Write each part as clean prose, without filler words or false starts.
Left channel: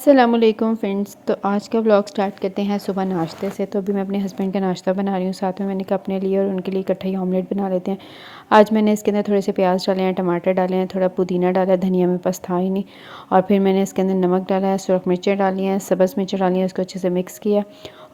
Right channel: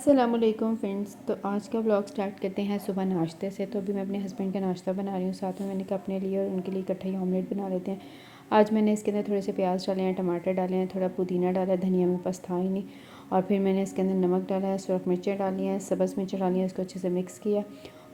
अस्सलामुअलैकुम फ्रेंड्स। तो आज का व्लॉग स्टार्ट करते हैं सुबह नाश्ते से। तो अभी मैं अपने हस्बैंड का नाश्ता बना रही हूँ, साथ में मैंने कहा अपने लिए और उनके लिए इकट्ठा ही ऑमलेट बना लेते हैं। आज मैंने इसके अंदर थोड़े से प्याज डाले हैं, टमाटर डाले हैं, थोड़ा पुदीना डाला है, धनिया मेरे पास था ही नहीं। और फिर मैंने इसके अंदर नमक डाला है, सुरख मिर्चें डाली हैं, सब्ज़ मिर्चें डाली हैं, उसको अच्छे से मिक्स किया।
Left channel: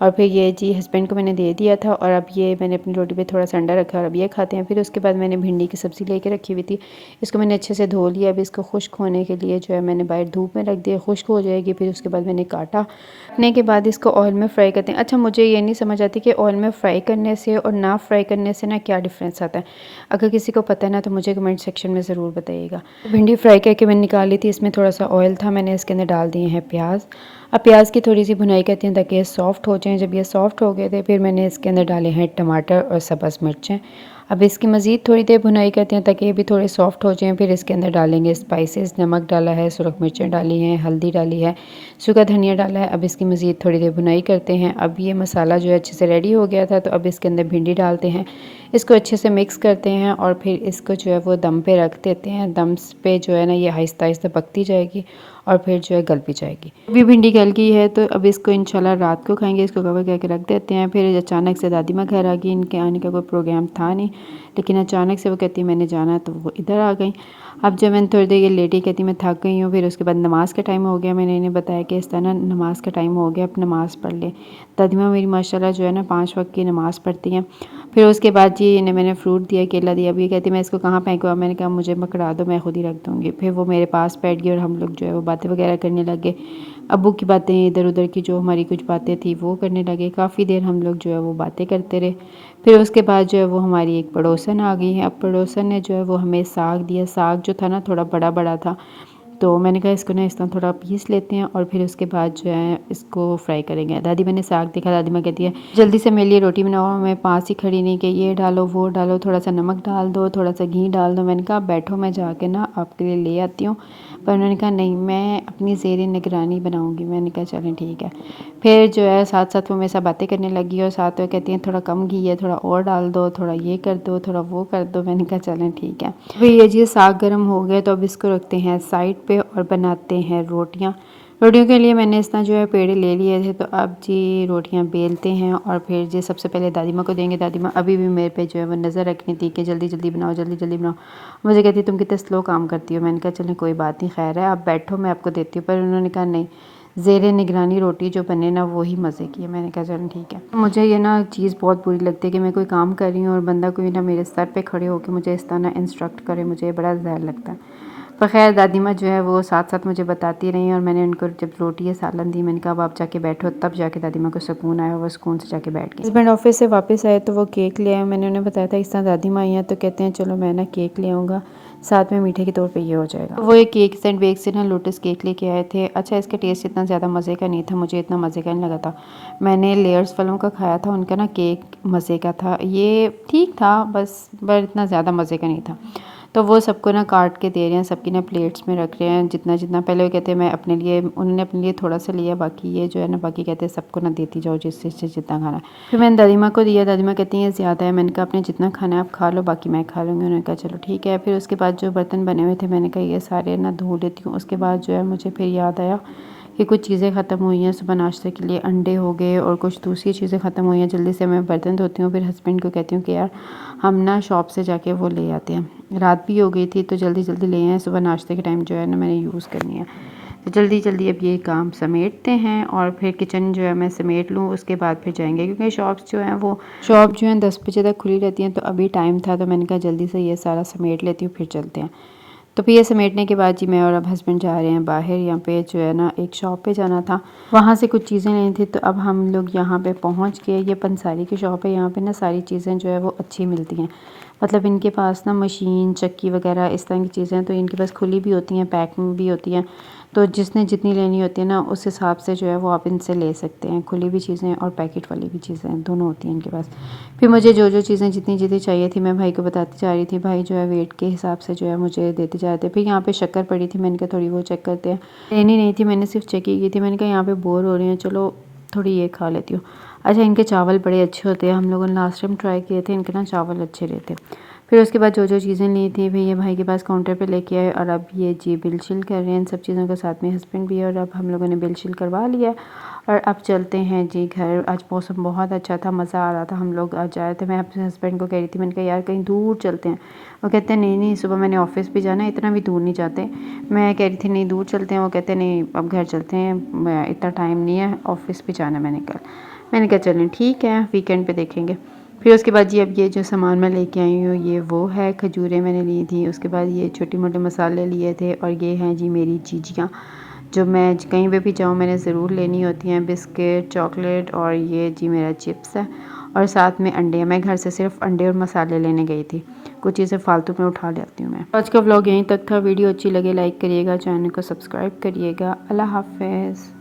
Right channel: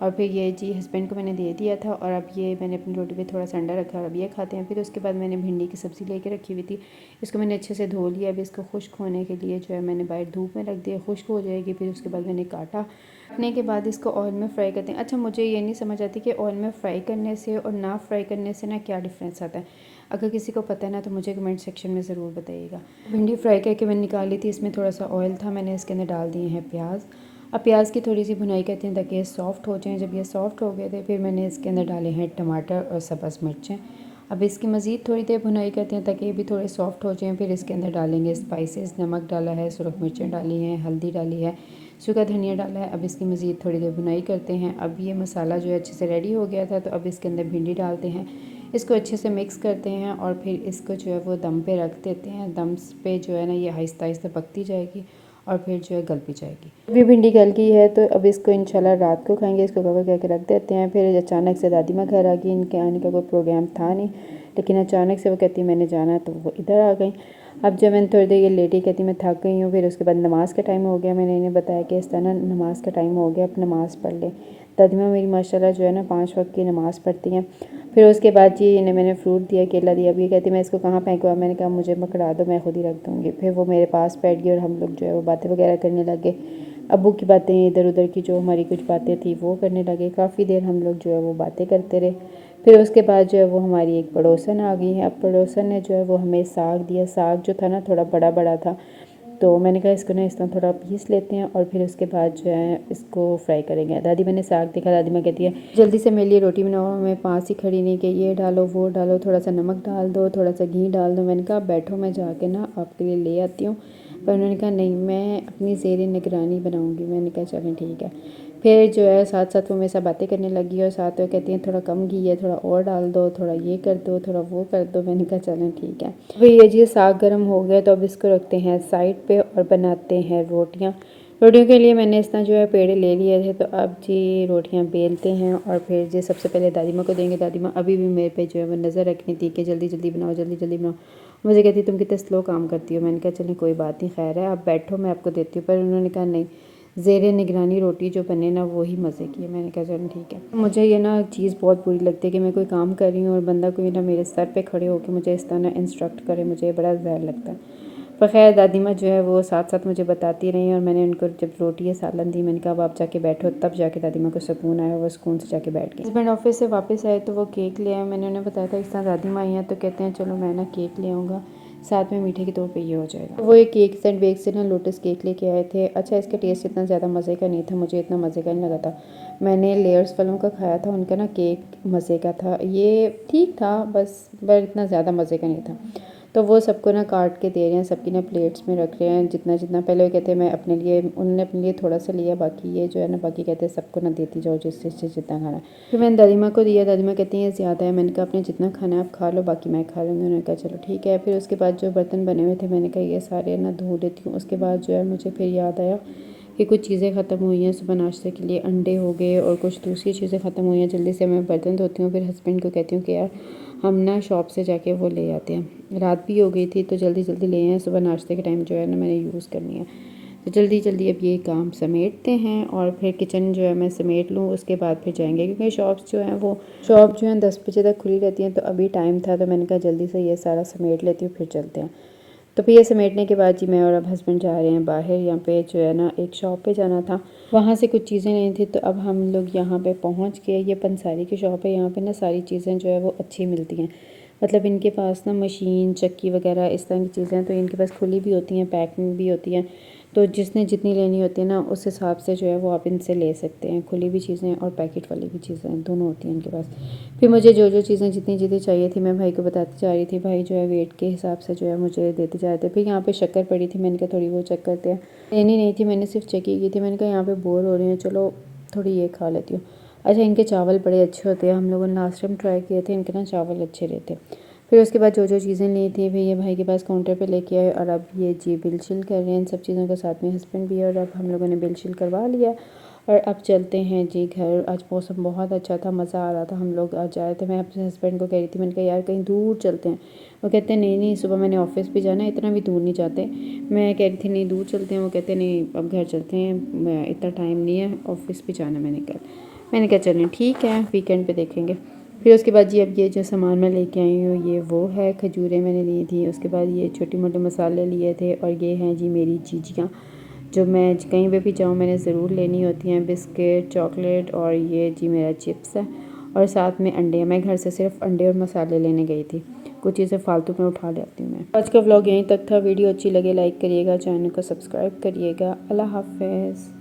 और फिर ये जी हस्बैंड को मैंने दे दिया था और अब ये मैंने अपनी रोटी पे थोड़ा सा अंडा रखा और अब ये खाते हैं। फिर उसके बाद मैंने भिंडी की सब्ज़ी लेके रखी हुई थी, इसको मैंने अच्छे से धो लिया। अब इसको खुश्क होने के लिए जो है मैंने बाहर धूप में रख दिया, खुश्क हो जाएगी। फिर उसके बाद मैंने काटने के बाद इसको ऑयल में फ्राई करते हैं। अच्छा, मुझे ये नहीं समझ आती कि ऑयल में फ्राई करने से और ना फ्राई करने से ना क्या डिफरेंस आता है। अगर किसी को पता है ना तो मुझे कमेंट सेक्शन में ज़रूर बताइएगा। भिंडी फ्राई करके मैंने निकाल ली थी, इसमें थोड़ा सा ऑयल था, मैंने इसके अंदर डाल दिए हैं प्याज। अब प्याज की थोड़ी सी भुनाई करते हैं ताकि ये सॉफ्ट हो जाएं। जब ये सॉफ्ट हो गए थे फिर मैंने इसके अंदर डाले हैं टमाटर और सब्ज़ मिर्चें। अब इसकी मज़ीद थोड़ी देर भुनाई करते हैं ताकि ये भी थोड़े सॉफ्ट हो जाएं। फिर इसके अंदर डालेंगे स्पाइसेस, नमक डाला है, सुरख मिर्चें डाली हैं, हल्दी डाली है, सूखा धनिया डाला है। अब इसकी मज़ीद थोड़ी देर भुनाई करते हैं। अब ये मसाला जो है अच्छे से रेडी हो गया था, तो अब इसके अंदर भिंडी डालते हैं, इसको अच्छे से मिक्स करते हैं और फिर इसको जो है वो दम पे रख देते हैं। दम पे जो है ना ये आहिस्ता आहिस्ता पकती जाएगी और फिर जो है गल भी जाएगी। अभी भिंडी गल गई है तो अब इसको इंशाल्लाह रात को खाएंगे। इसको कवर करके रख देते हैं। फिर अचानक से दादी माँ घर आ गई, इनके आने का कोई प्रोग्राम था नहीं, लेकिन अचानक से वो कहती है मैंने जाना, तो वो इधर आ गई। अब जब मैंने थोड़ी देर ये लेटी, कहती मैं थक गई हूँ। फिर उसके बाद नमाज़ का टाइम हो गया, मैंने इन्हें बताया कि इस तरह नमाज़ का टाइम हो गया, अब नमाज़ पढ़ ले। दादी माँ मेरी माशाल्लाह जो है ना 5 वक्त की नमाज़ पढ़ती हैं। फिर उसके बाद जी इन्हें मैंने फ्रूट दिया, केला दिया। अभी कहती मैं इसको कहाँ फेंकूँ, मैंने कहा मुझे पकड़ा दो, मैं खुद ही रख दूँगी। फिर वो मेरे पास बैठ गई और हम लोग जो है वो बातें वगैरह करने लगे। अब्बू की बातें, इधर उधर की जो हमारी कुछ बातें थी वो करने लगे। काफ़ी देर हम लोग जो है वो बातें करते रहे। फिर उसके बाद जो है वो हमारी एक पड़ोसन आ गई है। अब पड़ोसन ने जो है वो हमें साग दिया। साग जो था ना थोड़ा बड़ा बड़ा था, तो मैंने कहा इसको ना इस तरह थोड़ा पीस लेते हैं और फिर उसके बाद जो है इसको फ्राई करेंगे। दादी मैंने साग देखा, दादी माँ कहती है जल्दी से मेरे लिए रोटी बनाओ। मैं पास ही खड़ी नहीं कि ये डालो वो डालो, थोड़ा सा नमक डाल दो, थोड़ा सा घी डाल दो। मैंने कहा बैठो मैं जाके ना आपके लिए ले आती हूँ, पर उन्होंने कहा नहीं मैं अपनी ज़ेर निगरानी बनाऊँगी। मैंने कहा चलें ठीक है। फिर जो है साथ साथ वो मेरे साथ बातें करने लगी और साथ में कहती हैं थोड़ा कम घी है, थोड़ा और डाल दो, थोड़ा ये कर दो, थोड़ा वो कर दो। मैंने कहा चलें ठीक है। फिर ये जी साग गर्म हो गया तो अब इसको रखते हैं साइड पे और बनाते हैं रोटियां। रोटियों के लिए मैंने इस तरह जो है पेड़े ले लिए थे, तो अब जी रोटियां बेलते हैं और फिर जी सबसे पहले दादी माँ को देंगे। दादी माँ अभी भी मेरे पे जो है वो नज़र रखनी थी कि जल्दी जल्दी बनाओ, जल्दी जल्दी बनाओ। मुझे कहती तुम कितने स्लो काम करती हो। मैंने कहा चलें कोई बात नहीं, खैर है आप बैठो मैं आपको देती हूँ। पर उन्होंने कहा नहीं, ज़ेरे निगरानी रोटी जो बने ना वो ही मज़े की है। मैंने कहा चलो ठीक है। मुझे ये ना चीज़ बहुत बुरी लगती है कि मैं कोई काम कर रही हूँ और बंदा कोई ना मेरे सर पे खड़े होकर मुझे इस तरह ना इंस्ट्रक्ट करे, मुझे बड़ा ज़हर लगता है। पर खैर दादी माँ जो है वो साथ साथ मुझे बताती रही और मैंने उनको जब रोटी या सालन दी, मैंने कहा अब आप जाके बैठो, तब जाके दादी माँ को सुकून आया, वो सुकून से जाके बैठ गई। हस्बैंड ऑफिस से वापस आए तो वो केक ले आए। मैंने उन्हें बताया था इस तरह दादी माँ आई हैं, तो कहते हैं चलो मैं ना केक ले आऊँगा, साथ में मीठे के तौर पे ये हो जाएगा। वो एक केक सेंट बेक से ना लोटस केक लेके आए थे। अच्छा, इसका टेस्ट इतना ज़्यादा मज़े का नहीं था, मुझे इतना मज़े का नहीं लगा था। मैंने लेयर्स वालों का खाया था, उनका ना केक मज़े का था, ये ठीक था बस, पर इतना ज़्यादा मज़े का नहीं था। तो वो सबको ना काट के दे रहे हैं, सबकी ना प्लेट्स में रख रहे हैं जितना जितना। पहले वो कहते हैं मैं अपने लिए, उन्होंने अपने लिए थोड़ा सा लिया, बाकी ये जो है ना बाकी कहते हैं सबको ना देती जाओ जिससे जितना खाना है। फिर मैंने दादी माँ को दिया, दादी माँ कहती हैं ज़्यादा है। मैंने कहा आपने जितना खाना है आप खा लो, बाकी मैं खा लूँगी। उन्होंने कहा चलो ठीक है। फिर उसके बाद जो बर्तन बने हुए थे मैंने कहा ये सारे ना धो लेती हूँ। उसके बाद जो है मुझे फिर याद आया कि कुछ चीज़ें ख़त्म हुई हैं सुबह नाश्ते के लिए, अंडे हो गए और कुछ दूसरी चीज़ें ख़त्म हुई हैं। जल्दी से मैं बर्तन धोती हूँ, फिर हस्बैंड को कहती हूँ कि यार हम ना शॉप से जाके वो ले आते हैं। रात भी हो गई थी तो जल्दी जल्दी ले आए, सुबह नाश्ते के टाइम जो है ना मैंने यूज़ करनी है। तो जल्दी जल्दी अब ये काम समेटते हैं और फिर किचन जो है मैं समेट लूँ, उसके बाद फिर जाएंगे क्योंकि शॉप्स जो हैं वो शॉप जो है 10 बजे तक खुली रहती हैं। तो अभी टाइम था तो मैंने कहा जल्दी से ये सारा समेट लेती हूँ फिर चलते हैं। तो फिर ये समेटने के बाद जी मैं और अब हस्बैंड जा रहे हैं बाहर। यहाँ पे जो है ना एक शॉप पे जाना था, वहाँ से कुछ चीज़ें लेनी थी। तो अब हम लोग यहाँ पे पहुँच गए। ये पंसारी की शॉप है, यहाँ पे ना सारी चीज़ें जो है वो अच्छी मिलती हैं। मतलब इनके पास ना मशीन चक्की वगैरह इस तरह की चीज़ें तो इनके पास खुली भी होती हैं, पैकिंग भी होती हैं। तो जिसने जितनी लेनी होती है ना उस हिसाब से जो है वो आप इनसे ले सकते हैं। खुली भी चीज़ें और पैकेट वाली भी चीज़ें दोनों होती हैं इनके पास। फिर मुझे जो जो चीज़ें जितनी जितनी चाहिए थी मैं भाई को बताती जा रही थी। भाई जो है वेट के हिसाब से जो है मुझे देते जा रहे थे। फिर यहाँ पे शक्कर पड़ी थी, मैंने कहा थोड़ी वो चेक करते हैं। लेनी नहीं थी, मैंने सिर्फ चेक ही की थी। मैंने कहा यहाँ पे बोर हो रही हैं, चलो थोड़ी ये खा लेती हूँ। अच्छा, इनके चावल बड़े अच्छे होते हैं, हम लोगों ने लास्ट टाइम ट्राई किए थे, इनके ना चावल अच्छे रहते। फिर उसके बाद जो जो चीज़ें ली थी फिर ये भाई के पास काउंटर पे लेके आए और अब ये जी बिल शिल कर रहे हैं इन सब चीज़ों के साथ में हस्बैंड भी है और अब हम लोगों ने बिल शिल करवा लिया और अब चलते हैं जी घर। आज मौसम बहुत अच्छा था, मज़ा आ रहा था, हम लोग आज आए थे। मैं अपने हस्बैंड को कह रही थी, मैंने कहा यार कहीं दूर चलते हैं। वो कहते हैं नहीं नहीं सुबह मैंने ऑफिस भी जाना है, इतना भी दूर नहीं जाते। मैं कह रही थी नहीं दूर चलते हैं, वो कहते नहीं अब घर चलते हैं, इतना टाइम नहीं है, ऑफिस भी जाना मैंने कल। मैंने कहा चलें ठीक है वीकेंड पे देखेंगे। फिर उसके बाद जी अब ये जो सामान मैं लेके आई हूँ ये वो है, खजूरें मैंने ली थी, उसके बाद ये छोटे मोटे मसाले लिए थे और ये हैं जी मेरी चीज़ियाँ जो मैं कहीं पे भी जाऊँ मैंने ज़रूर लेनी होती हैं, बिस्किट चॉकलेट और ये जी मेरा चिप्स है और साथ में अंडे। मैं घर से सिर्फ अंडे और मसाले लेने गई थी, कुछ चीज़ें फालतू में उठा लेती हूँ मैं। आज का व्लॉग यहीं तक था। वीडियो अच्छी लगे लाइक करिएगा, चैनल को सब्सक्राइब करिएगा। अल्लाह हाफ़िज़।